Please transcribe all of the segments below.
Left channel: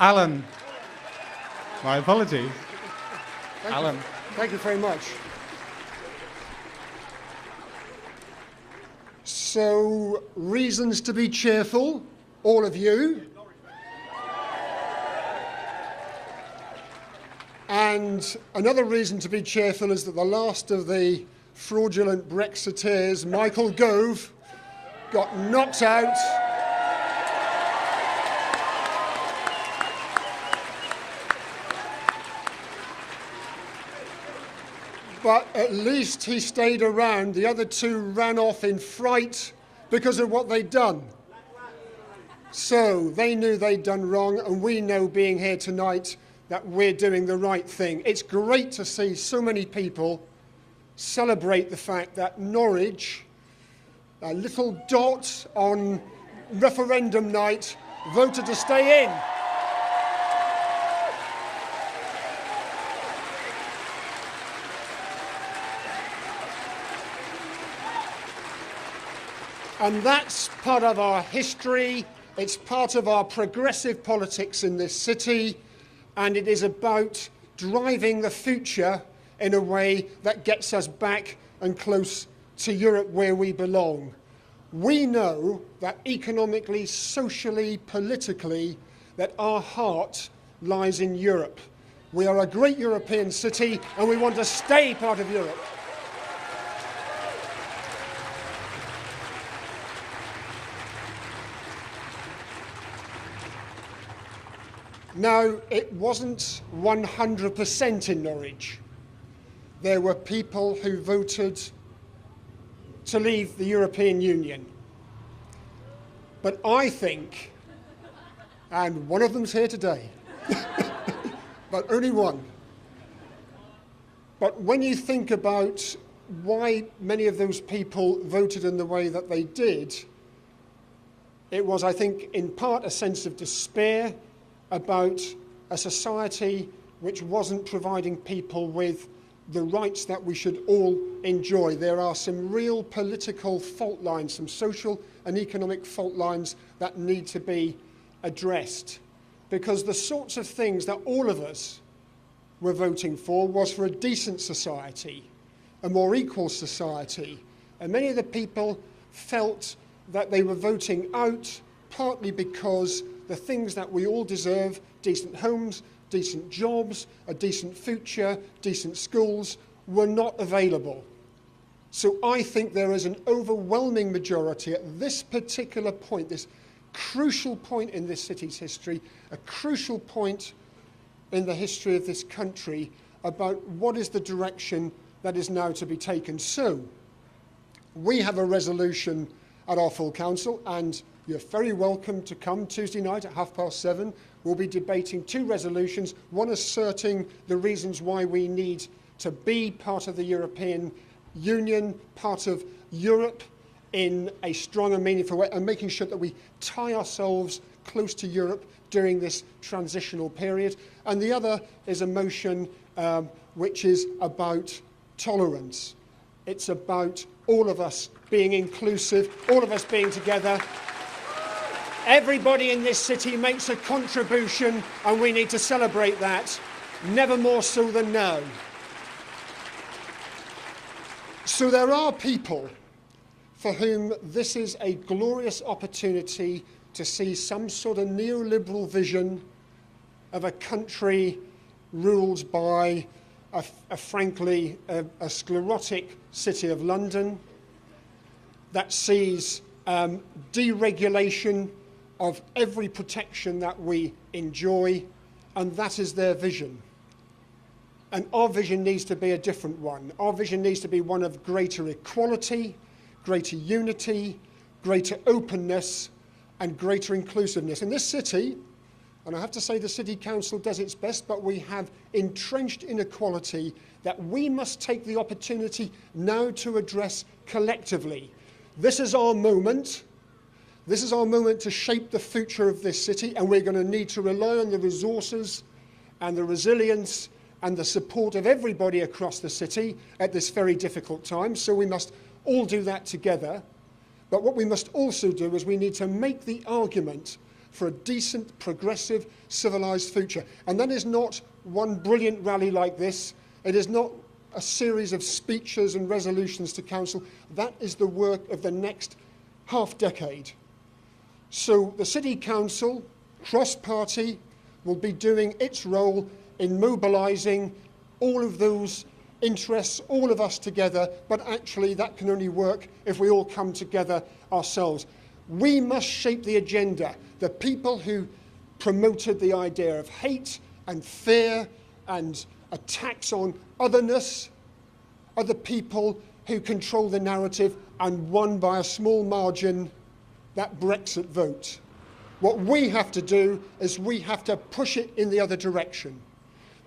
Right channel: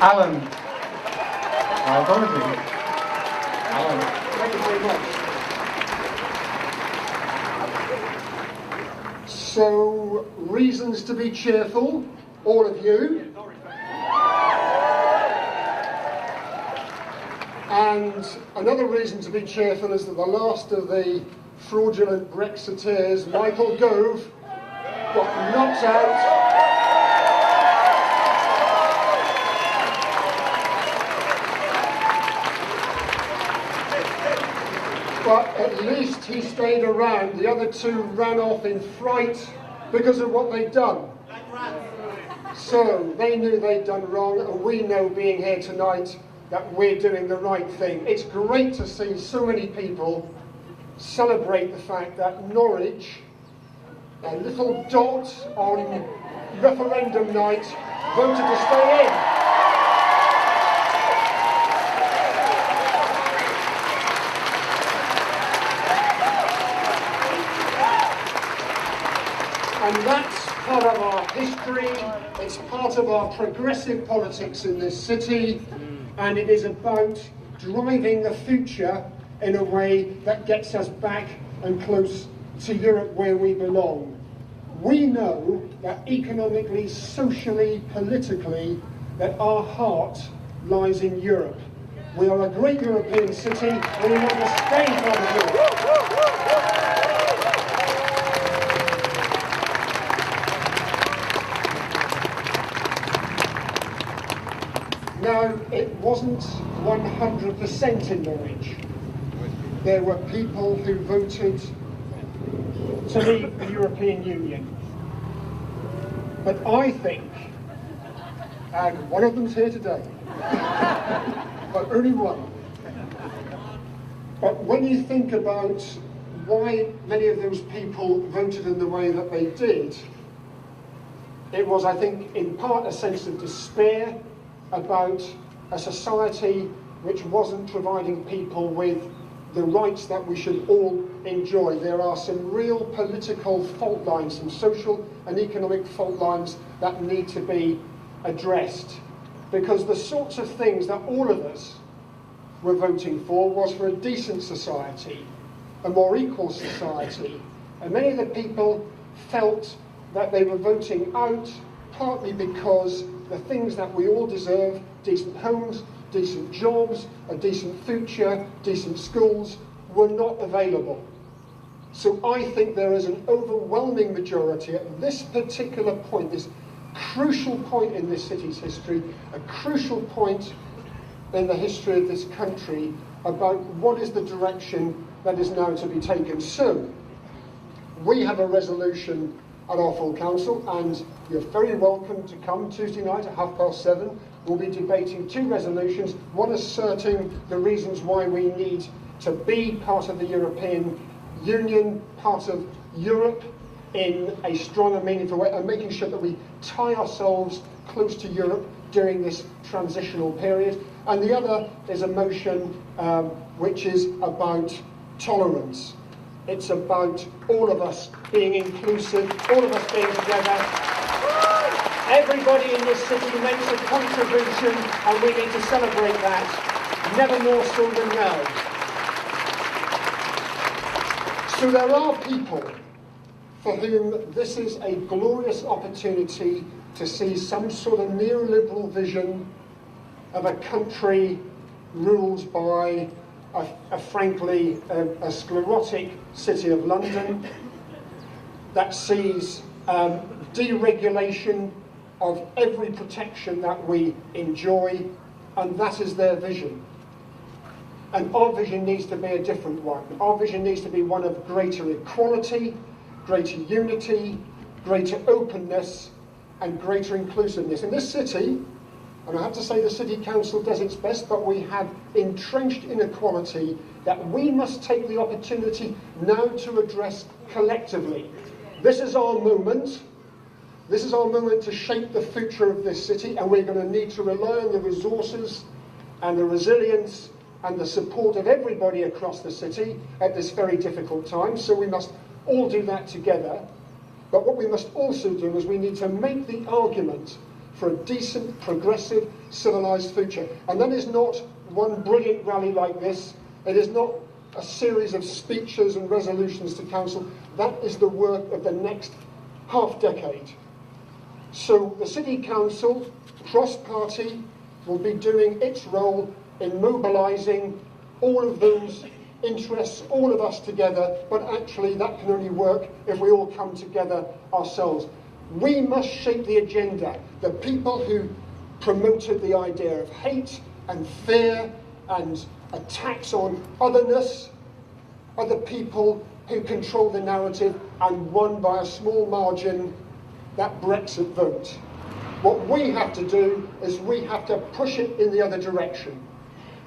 Alan. My apologies. Alan. Thank you very much. So, reasons to be cheerful, all of you. And another reason to be cheerful is that the last of the fraudulent Brexiteers, Michael Gove, got knocked out. But at least he stayed around. The other two ran off in fright because of what they'd done. So they knew they'd done wrong, and we know, being here tonight, that we're doing the right thing. It's great to see so many people celebrate the fact that Norwich, a little dot on referendum night, voted to stay in. And that's part of our history, it's part of our progressive politics in this city, and it is about driving the future in a way that gets us back and close to Europe where we belong. We know that economically, socially, politically, that our heart lies in Europe. We are a great European city, and we want to stay part of Europe. Now, it wasn't 100% in Norwich. There were people who voted to leave the European Union. But I think, and one of them's here today, but only one. But when you think about why many of those people voted in the way that they did, it was, I think, in part a sense of despair about a society which wasn't providing people with the rights that we should all enjoy. There are some real political fault lines, some social and economic fault lines that need to be addressed. Because the sorts of things that all of us were voting for was for a decent society, a more equal society. And many of the people felt that they were voting out partly because the things that we all deserve, decent homes, decent jobs, a decent future, decent schools, were not available. So I think there is an overwhelming majority at this particular point, this crucial point in this city's history, a crucial point in the history of this country, about what is the direction that is now to be taken. So, we have a resolution at our full council, and you're very welcome to come Tuesday night at 7:30. We'll be debating two resolutions, one asserting the reasons why we need to be part of the European Union, part of Europe in a strong and meaningful way, and making sure that we tie ourselves close to Europe during this transitional period. And the other is a motion which is about tolerance. It's about all of us being inclusive, all of us being together. Everybody in this city makes a contribution, and we need to celebrate that, never more so than now. So there are people for whom this is a glorious opportunity to see some sort of neoliberal vision of a country ruled by frankly a sclerotic city of London that sees deregulation of every protection that we enjoy, and that is their vision. And our vision needs to be a different one. Our vision needs to be one of greater equality, greater unity, greater openness, and greater inclusiveness. In this city, and I have to say the City Council does its best, but we have entrenched inequality that we must take the opportunity now to address collectively. This is our moment. This is our moment to shape the future of this city, and we're going to need to rely on the resources and the resilience and the support of everybody across the city at this very difficult time. So we must all do that together. But what we must also do is we need to make the argument for a decent, progressive, civilised future. And that is not one brilliant rally like this. It is not a series of speeches and resolutions to council. That is the work of the next half-decade. So the City Council, cross-party, will be doing its role in mobilising all of those interests, all of us together, but actually that can only work if we all come together ourselves. We must shape the agenda. The people who promoted the idea of hate and fear and attacks on otherness are the people who control the narrative and won by a small margin that Brexit vote. What we have to do is we have to push it in the other direction.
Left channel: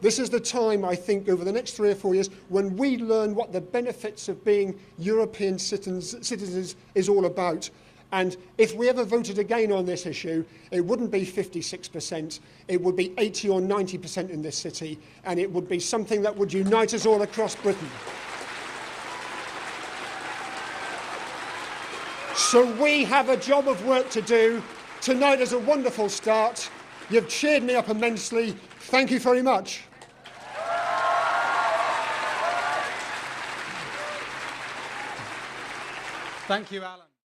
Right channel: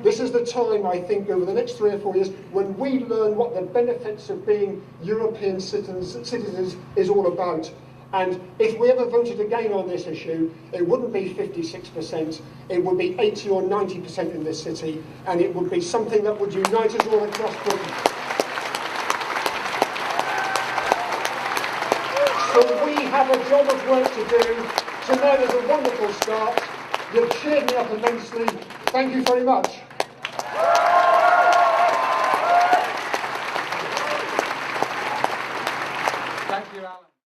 This is the time, I think, over the next 3 or 4 years, when we learn what the benefits of being European citizens is all about. And if we ever voted again on this issue, it wouldn't be 56%, it would be 80 or 90% in this city, and it would be something that would unite us all across Britain. So we have a job of work to do. Tonight is a wonderful start. You've cheered me up immensely. Thank you very much. Thank you, Alan.